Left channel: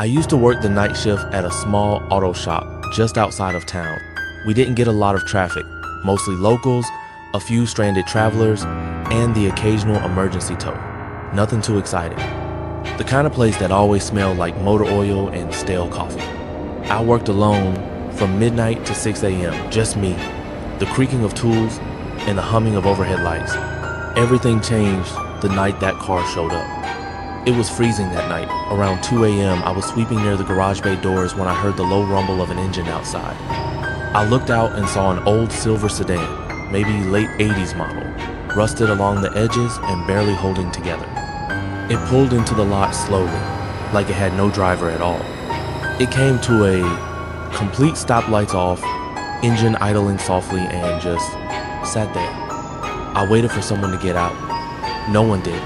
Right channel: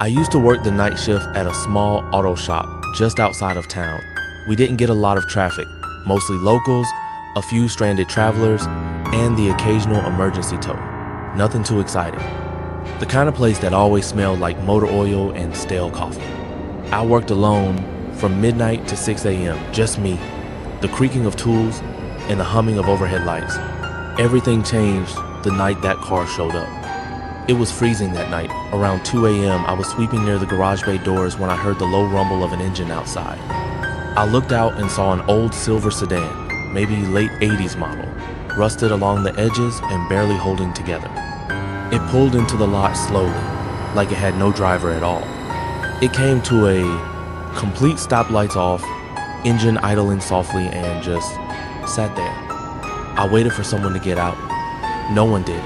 I used to work the night shift at a small auto shop just outside of town. We didn't get a lot of traffic, mostly locals, a few stranded travelers, and the occasional emergency tow. Nothing too exciting. The kind of place that always smelled like motor oil and stale coffee. I worked alone from midnight to 6 a.m., just me, the creaking of tools, and the humming of overhead lights. Everything changed the night that car showed up. It was freezing that night. Around 2 a.m., I was sweeping near the garage bay doors when I heard the low rumble of an engine outside. I looked out and saw an old silver sedan, maybe late 80s model, rusted along the edges and barely holding together. It pulled into the lot slowly, like it had no driver at all. It came to a complete stop, lights off, engine idling softly, and just sat there. I waited for someone to get out. No one did.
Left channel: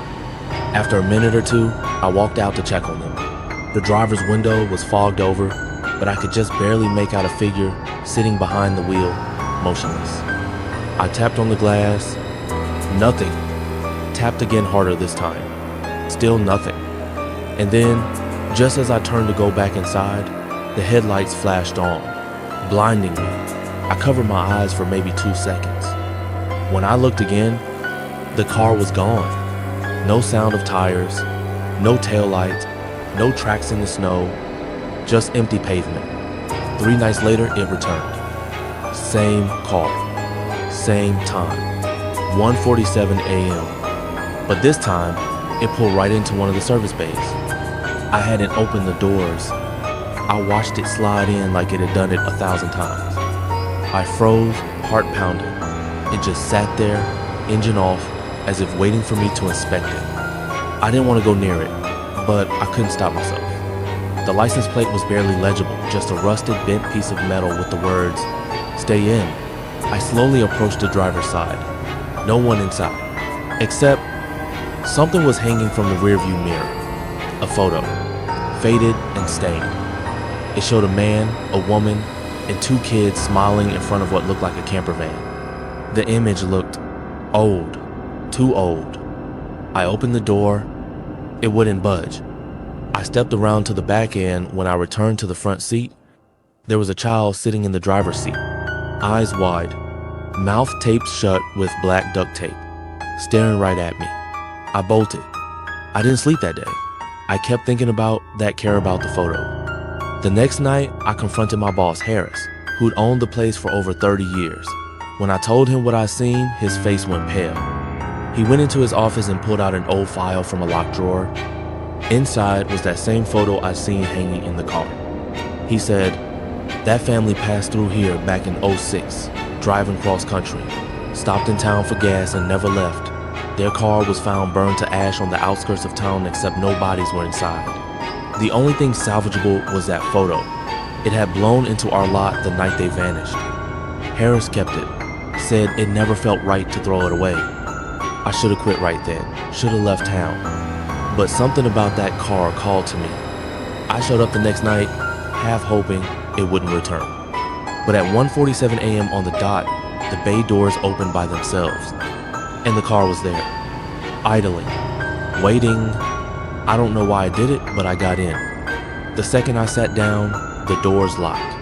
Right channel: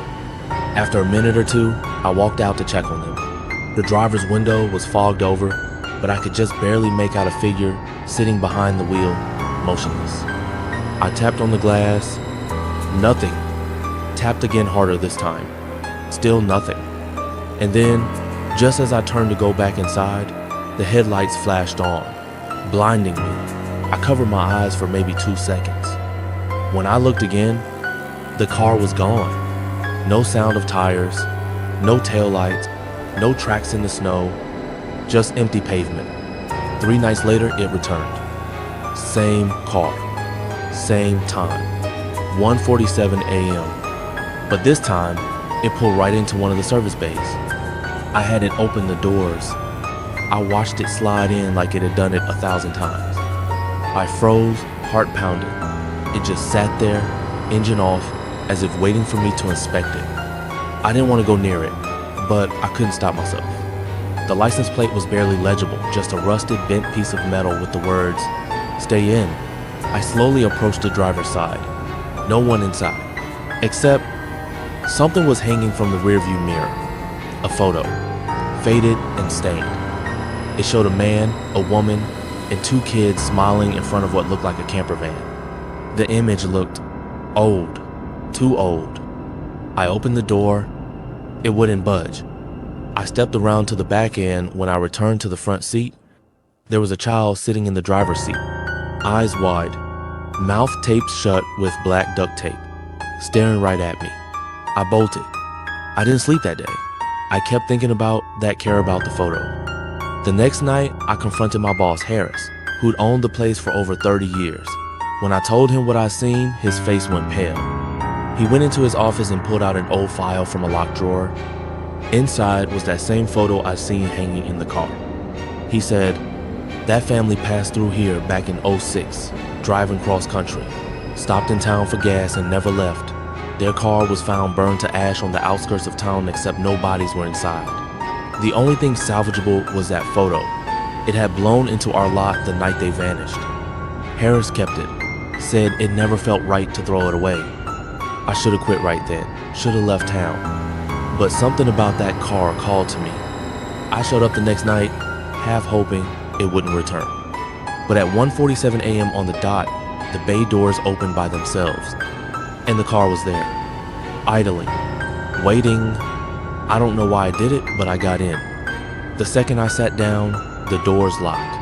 After a minute or two, I walked out to check on them. The driver's window was fogged over, but I could just barely make out a figure sitting behind the wheel, motionless. I tapped on the glass. Nothing. Tapped again harder this time. Still nothing. And then, just as I turned to go back inside, the headlights flashed on, blinding me. I covered my eyes for maybe 2 seconds. When I looked again, the car was gone. No sound of tires, no taillights, no tracks in the snow, just empty pavement. 3 nights later, it returned. Same car, same time, 1:47 a.m. But this time, it pulled right into one of the service bays. I hadn't opened the doors. I watched it slide in like it had done it 1,000 times. I froze, heart pounding. It just sat there, engine off, as if waiting for me to inspect it. I didn't want to go near it, but I couldn't stop myself. The license plate was barely legible, just a rusted, bent piece of metal with the words, "Stay in." I slowly approached the driver's side. No one inside, except something was hanging from the rearview mirror. A photo, faded and stained. It showed a man, a woman, and 2 kids smiling in front of what looked like a camper van. The image looked old. Too old. I opened the door. It wouldn't budge. I stepped around to the back end. When I returned to the front seat, there was a child sitting in the driver's seat, eyes wide, mouth taped shut with black duct tape, staring right at me. I bolted. I didn't sleep that day. I kept thinking about that care about the photo. The next night, I confronted my boss, Harris, who'd owned the place for over 30 years. When I told him what I'd seen, his face went pale. He went into his office and pulled out an old file from a locked drawer. Inside was that same photo I'd seen hanging in the car. He said, "That family passed through here back in '06, driving cross country, stopped in town for gas and never left. Their car was found burned to ash on the outskirts of town, except no bodies were inside. The only thing salvageable was that photo. It had blown into our lot the night they vanished. Harris kept it, said it never felt right to throw it away. I should have quit right then, should have left town. But something about that car called to me. I showed up the next night, half hoping it wouldn't return. But at 1:47 a.m. on the dot, the bay doors opened by themselves, and the car was there, idling, waiting. I don't know why I did it, but I got in. The second I sat down, the doors locked.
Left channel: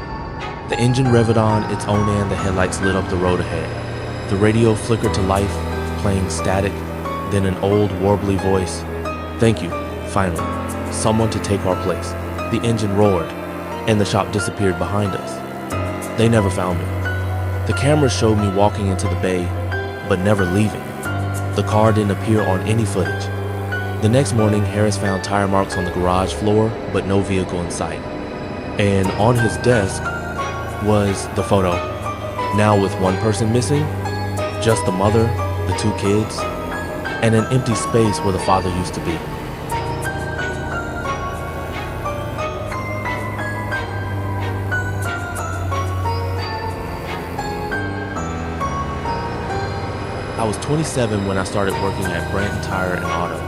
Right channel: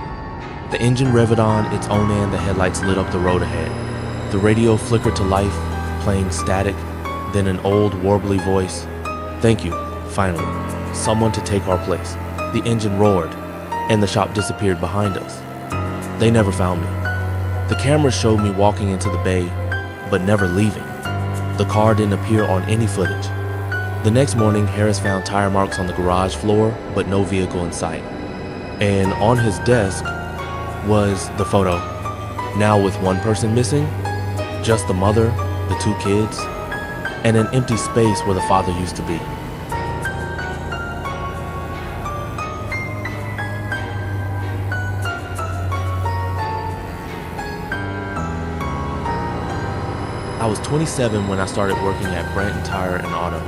The engine revved on its own and the headlights lit up the road ahead. The radio flickered to life, playing static, then an old, warbly voice. "Thank you, finally, someone to take our place." The engine roared, and the shop disappeared behind us. They never found me. The cameras showed me walking into the bay, but never leaving. The car didn't appear on any footage. The next morning, Harris found tire marks on the garage floor, but no vehicle in sight. And on his desk was the photo, now with one person missing, just the mother, the 2 kids, and an empty space where the father used to be. I was 27 when I started working at Brent Tire and Auto,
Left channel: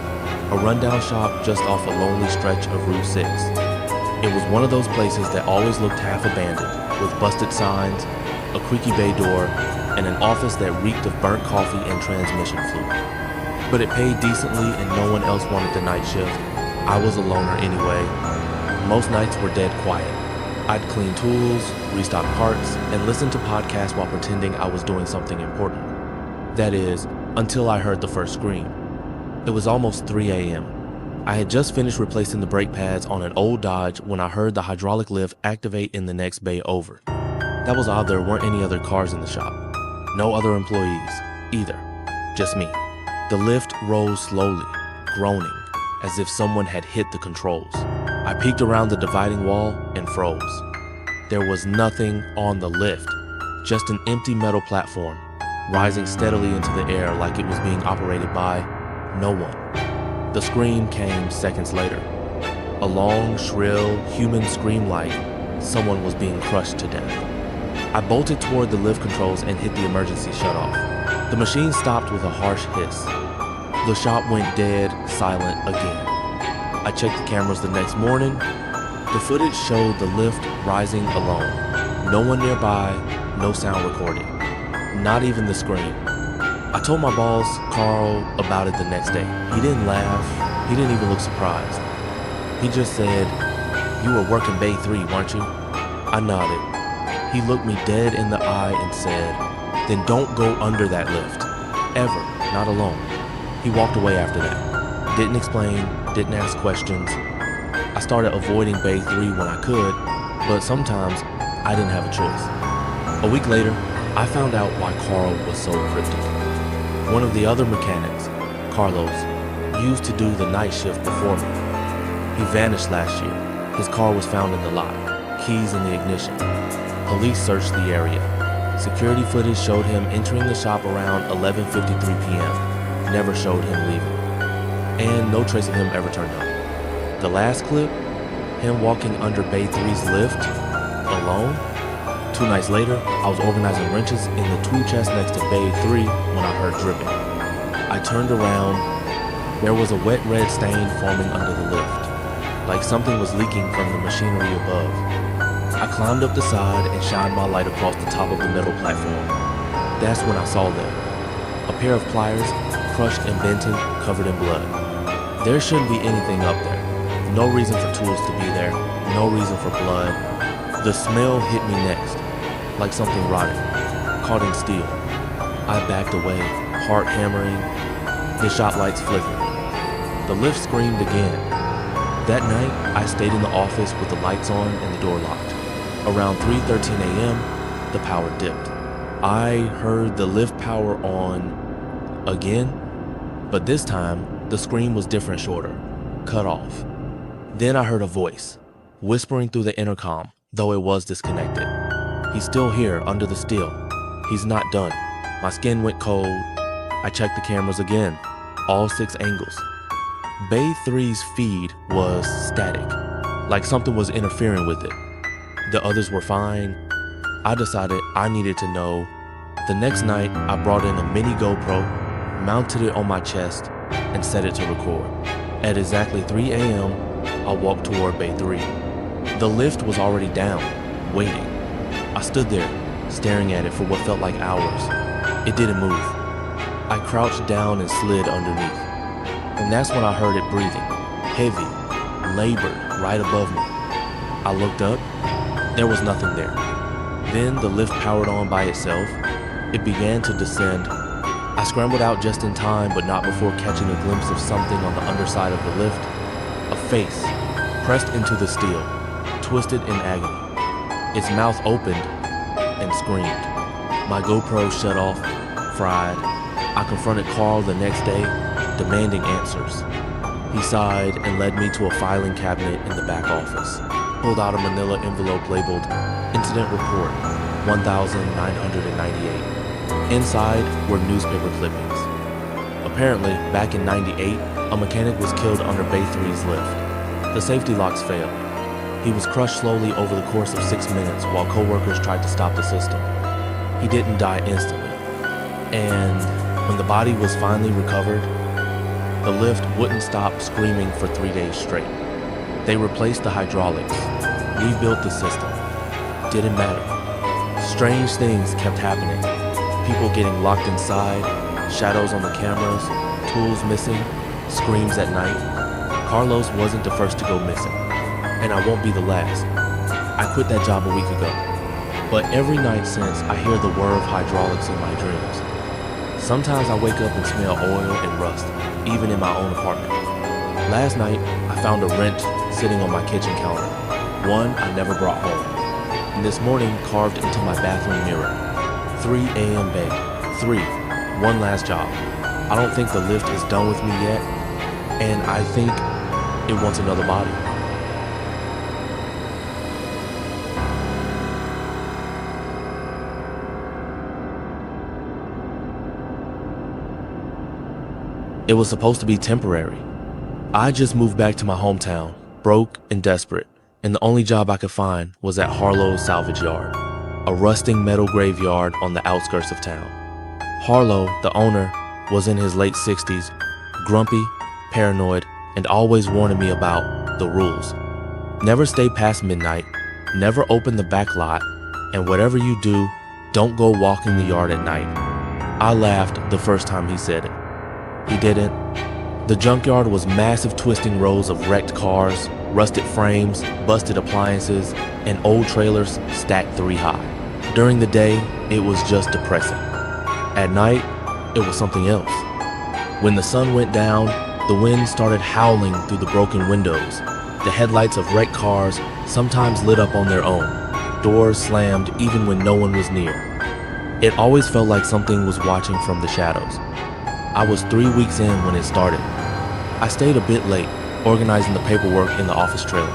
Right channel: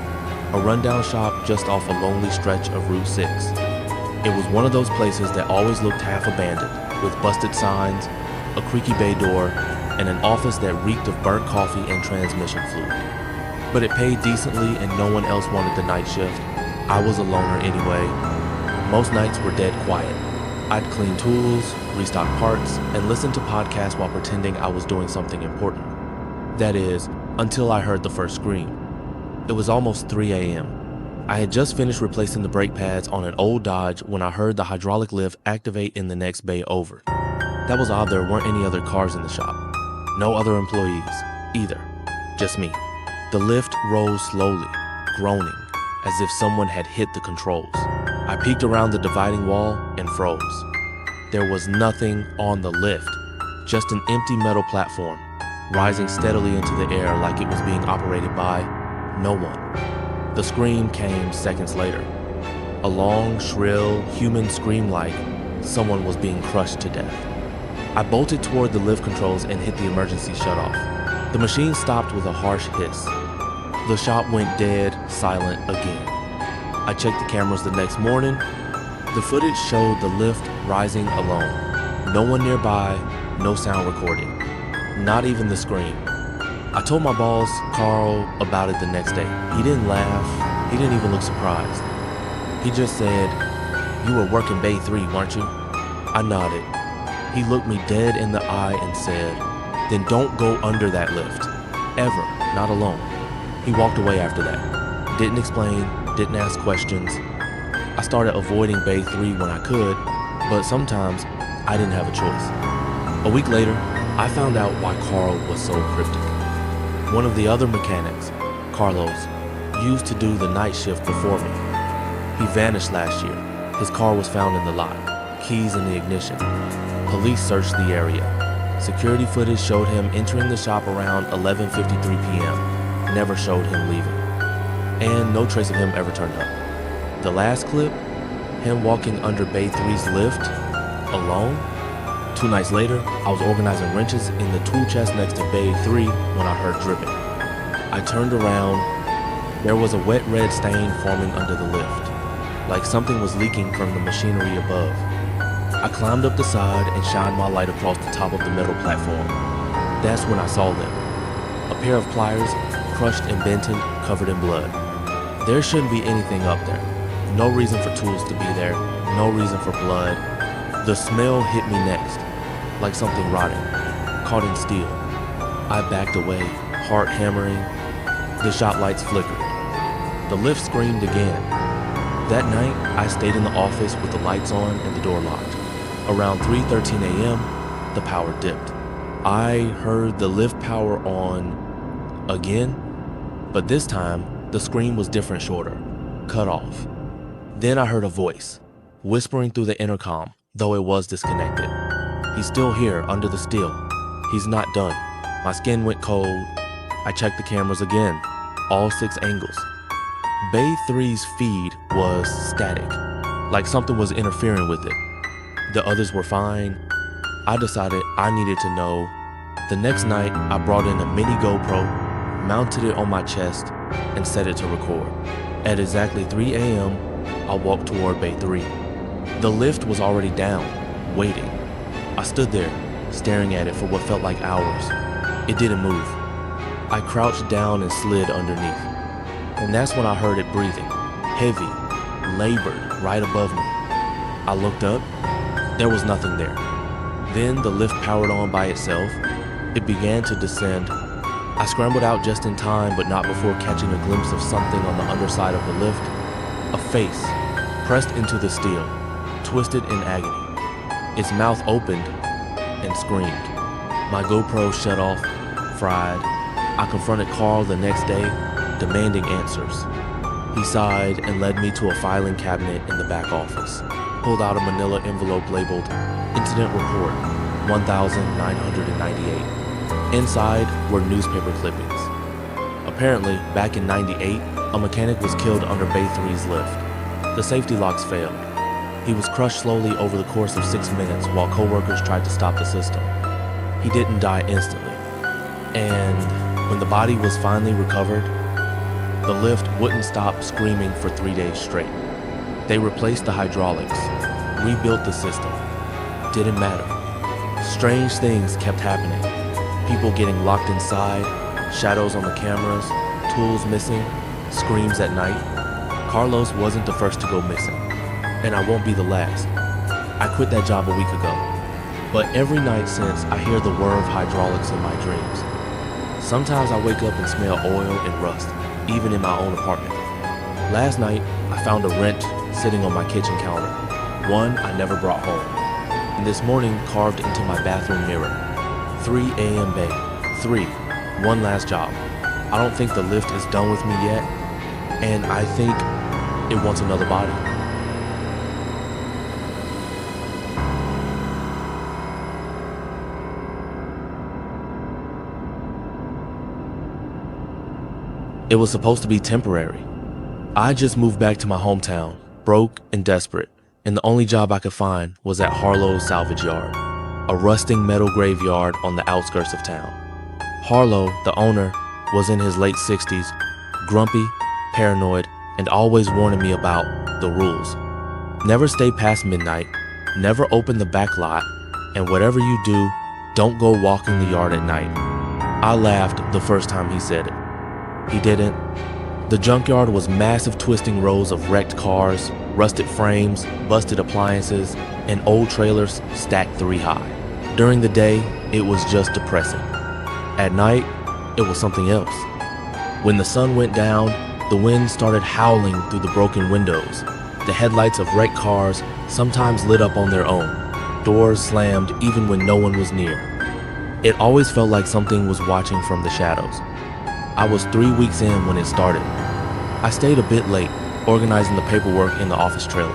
a rundown shop just off a lonely stretch of Route 6. It was one of those places that always looked half abandoned, with busted signs, a creaky bay door, and an office that reeked of burnt coffee and transmission fluid. But it paid decently and no one else wanted the night shift. I was a loner anyway. Most nights were dead quiet. I'd clean tools, restock parts, and listen to podcasts while pretending I was doing something important. That is, until I heard the first scream. It was almost 3 a.m. I had just finished replacing the brake pads on an old Dodge when I heard the hydraulic lift activate in the next bay over. That was odd, there weren't any other cars in the shop. No other employees, either. Just me. The lift rose slowly, groaning, as if someone had hit the controls. I peeked around the dividing wall and froze. There was nothing on the lift, just an empty metal platform, rising steadily into the air like it was being operated by no one. The scream came seconds later. A long, shrill, human scream like someone was being crushed to death. I bolted toward the lift controls and hit the emergency shutoff. The machine stopped with a harsh hiss. The shop went dead silent again. I checked the cameras the next morning. The footage showed the lift rising alone. No one nearby, no sound recording. Not even the scream. I told my boss, Carl, about it the next day. He didn't laugh. He didn't even look surprised. He just said, "You were working Bay 3, weren't you?" I nodded. He looked me dead in the eye and said, "Then don't go under that lift. Ever. Not alone." He walked away after that. Didn't explain, didn't ask questions. I started avoiding Bay 3 when I could, but sometimes I didn't have a choice. A week later, I found out why Carl was so cryptic. One of the other mechanics, Carlos, used to do the night shift before me. He vanished last year. His car was found in the lot, keys in the ignition. Police searched the area. Security footage showed him entering the shop around 11:53 p.m. Never showed him leaving. And no trace of him ever turned up. The last clip, him walking under Bay 3's lift, alone. 2 nights later, I was organizing wrenches in the tool chest next to Bay 3 when I heard dripping. I turned around. There was a wet red stain forming under the lift, like something was leaking from the machinery above. I climbed up the side and shined my light across the top of the metal platform. That's when I saw them. A pair of pliers, crushed and dented, covered in blood. There shouldn't be anything up there. No reason for tools to be there. No reason for blood. The smell hit me next, like something rotting, caught in steel. I backed away, heart hammering, the shot lights flickered. The lift screamed again. That night, I stayed in the office with the lights on and the door locked. Around 3:13 a.m., the power dipped. I heard the lift power on again, but this time, the scream was different, shorter, cut off. Then I heard a voice, whispering through the intercom, though it was disconnected. "He's still here, under the steel. He's not done." My skin went cold. I checked the cameras again, all 6 angles. Bay 3's feed was static, like something was interfering with it. The others were fine. I decided I needed to know. The next night, I brought in a mini GoPro, mounted it on my chest, and set it to record. At exactly 3 a.m., I walked toward Bay 3. The lift was already down, waiting. I stood there, staring at it for what felt like hours. It didn't move. I crouched down and slid underneath. And that's when I heard it breathing, heavy, labored, right above me. I looked up. There was nothing there. Then the lift powered on by itself. It began to descend. I scrambled out just in time, but not before catching a glimpse of something on the underside of the lift. A face, pressed into the steel, twisted in agony. Its mouth opened and screamed. My GoPro shut off, fried. I confronted Carl the next day, demanding answers. He sighed and led me to a filing cabinet in the back office. Pulled out a manila envelope labeled Incident Report 1998. Inside were newspaper clippings. Apparently, back in '98, a mechanic was killed under Bay 3's lift. The safety locks failed. He was crushed slowly over the course of 6 minutes while co-workers tried to stop the system. He didn't die instantly. And when the body was finally recovered, the lift wouldn't stop screaming for 3 days straight. They replaced the hydraulics, rebuilt the system. Didn't matter. Strange things kept happening. People getting locked inside, shadows on the cameras, tools missing, screams at night. Carlos wasn't the first to go missing. and I won't be the last. I quit that job a week ago, but every night since I hear the whir of hydraulics in my dreams. Sometimes I wake up and smell oil and rust, even in my own apartment. Last night, I found a wrench sitting on my kitchen counter, one I never brought home. And this morning, carved into my bathroom mirror. 3 a.m. babe. 3. One last job. I don't think the lift is done with me yet, and I think it wants another body. It was supposed to be temporary. I just moved back to my hometown, broke and desperate, and the only job I could find was at Harlow's salvage yard, a rusting metal graveyard on the outskirts of town. Harlow, the owner, was in his late 60s, grumpy, paranoid, and always warning me about the rules. Never stay past midnight, never open the back lot, and whatever you do, don't go walking the yard at night. I laughed the first time he said it. He didn't. The junkyard was massive twisting rows of wrecked cars, rusted frames, busted appliances, and old trailers stacked 3 high. During the day, it was just depressing. At night, it was something else. When the sun went down, the wind started howling through the broken windows. The headlights of wrecked cars sometimes lit up on their own. Doors slammed even when no one was near. It always felt like something was watching from the shadows. I was 3 weeks in when it started. I stayed a bit late, organizing the paperwork in the office trailer,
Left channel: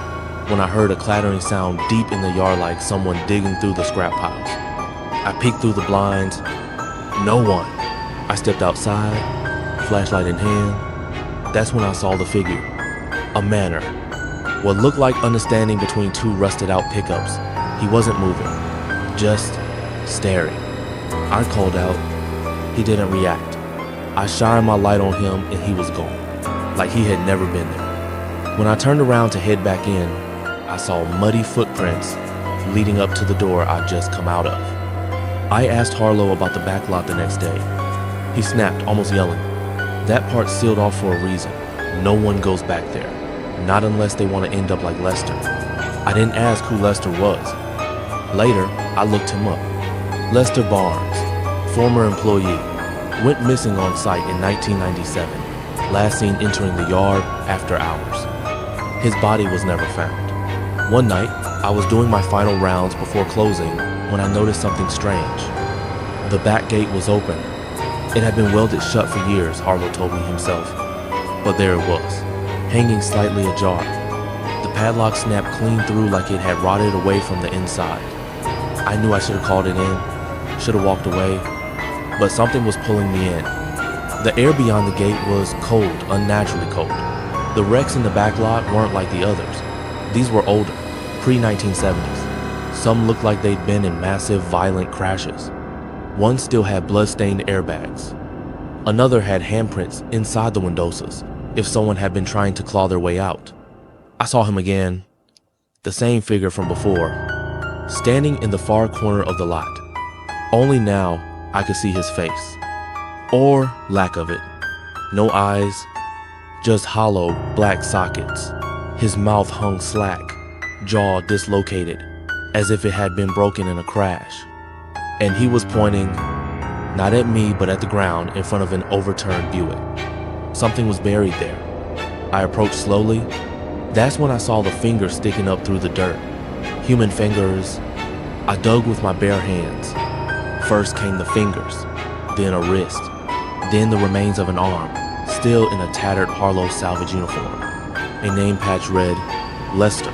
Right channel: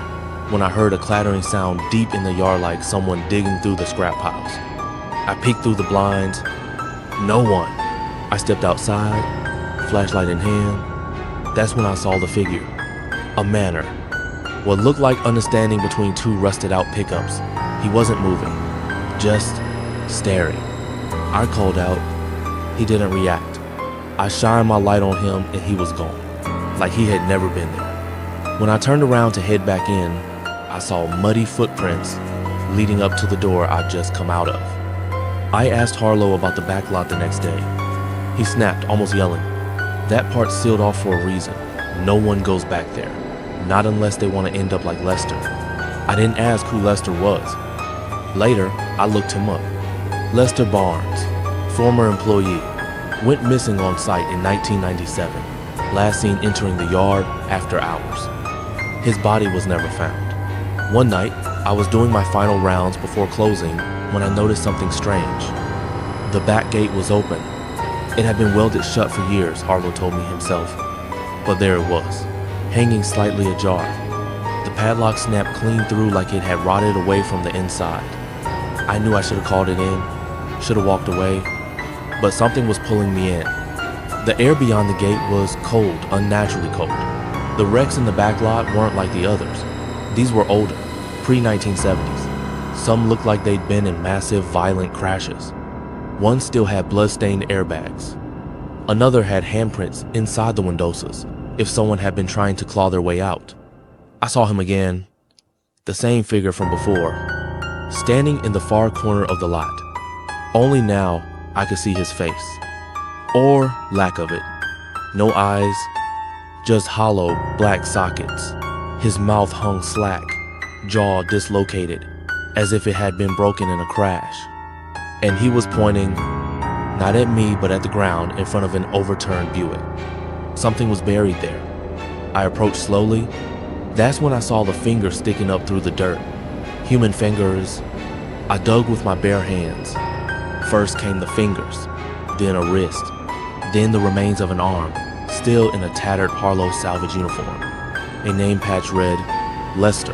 when I heard a clattering sound deep in the yard like someone digging through the scrap piles. I peeked through the blinds. No one. I stepped outside, flashlight in hand. That's when I saw the figure. A manner. What looked like understanding between 2 rusted out pickups. He wasn't moving, just staring. I called out. He didn't react. I shined my light on him and he was gone, like he had never been there. When I turned around to head back in, I saw muddy footprints leading up to the door I'd just come out of. I asked Harlow about the back lot the next day. He snapped, almost yelling. That part's sealed off for a reason. No one goes back there, not unless they want to end up like Lester. I didn't ask who Lester was. Later, I looked him up. Lester Barnes, former employee, went missing on site in 1997, last seen entering the yard after hours. His body was never found. One night, I was doing my final rounds before closing when I noticed something strange. The back gate was open. It had been welded shut for years, Harlow told me himself. But there it was, hanging slightly ajar. The padlock snapped clean through like it had rotted away from the inside. I knew I should have called it in, should have walked away, but something was pulling me in. The air beyond the gate was cold, unnaturally cold. The wrecks in the back lot weren't like the others. These were older, pre-1970s. Some looked like they'd been in massive, violent crashes. One still had blood-stained airbags. Another had handprints inside the windowsills, if someone had been trying to claw their way out. I saw him again, the same figure from before, standing in the far corner of the lot. Only now, I could see his face, or lack of it. No eyes, just hollow black sockets. His mouth hung slack, jaw dislocated, as if it had been broken in a crash. And he was pointing, not at me but at the ground in front of an overturned Buick. Something was buried there. I approached slowly. That's when I saw the fingers sticking up through the dirt. Human fingers. I dug with my bare hands. First came the fingers, then a wrist, then the remains of an arm, still in a tattered Harlow salvage uniform. A name patch read, Lester.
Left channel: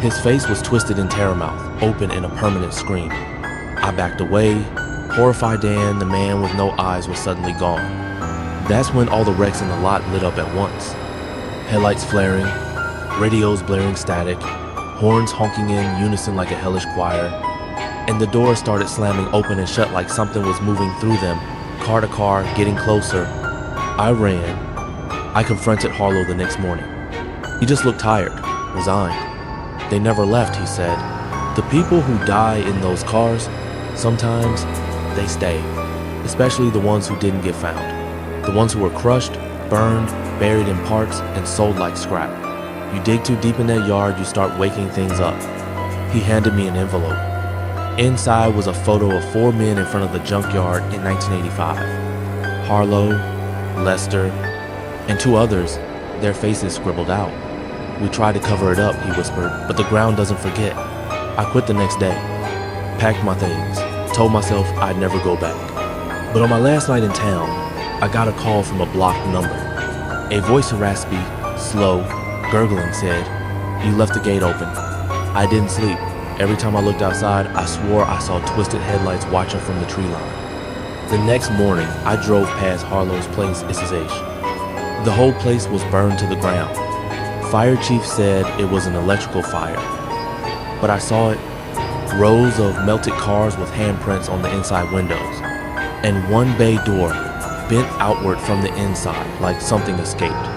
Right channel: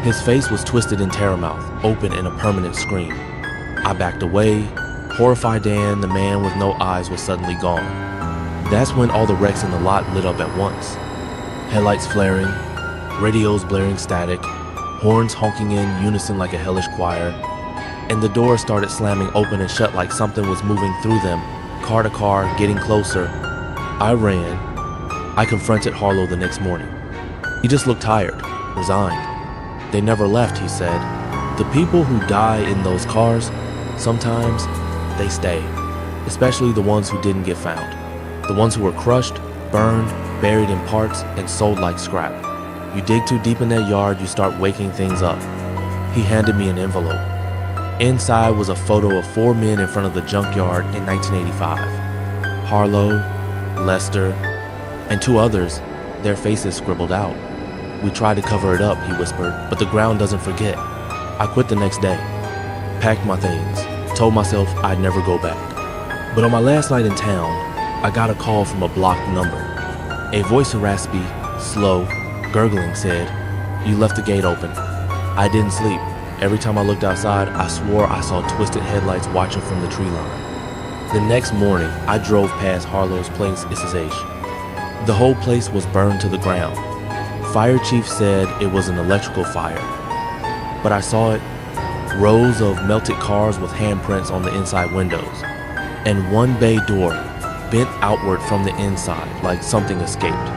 His face was twisted in terror-mouth, open in a permanent scream. I backed away, horrified, and the man with no eyes was suddenly gone. That's when all the wrecks in the lot lit up at once. Headlights flaring, radios blaring static, horns honking in unison like a hellish choir, and the doors started slamming open and shut like something was moving through them, car to car, getting closer. I ran. I confronted Harlow the next morning. He just looked tired, resigned. They never left, he said. The people who die in those cars, sometimes they stay, especially the ones who didn't get found. The ones who were crushed, burned, buried in parts, and sold like scrap. You dig too deep in that yard, you start waking things up. He handed me an envelope. Inside was a photo of 4 men in front of the junkyard in 1985. Harlow, Lester, and 2 others, their faces scribbled out. We tried to cover it up, he whispered, but the ground doesn't forget. I quit the next day, packed my things, told myself I'd never go back. But on my last night in town, I got a call from a blocked number. A voice raspy, slow, gurgling said, "You left the gate open." I didn't sleep. Every time I looked outside, I swore I saw twisted headlights watching from the tree line. The next morning, I drove past Harlow's place, SSH. The whole place was burned to the ground. Fire chief said it was an electrical fire. But I saw it, rows of melted cars with handprints on the inside windows, and one bay door bent outward from the inside like something escaped.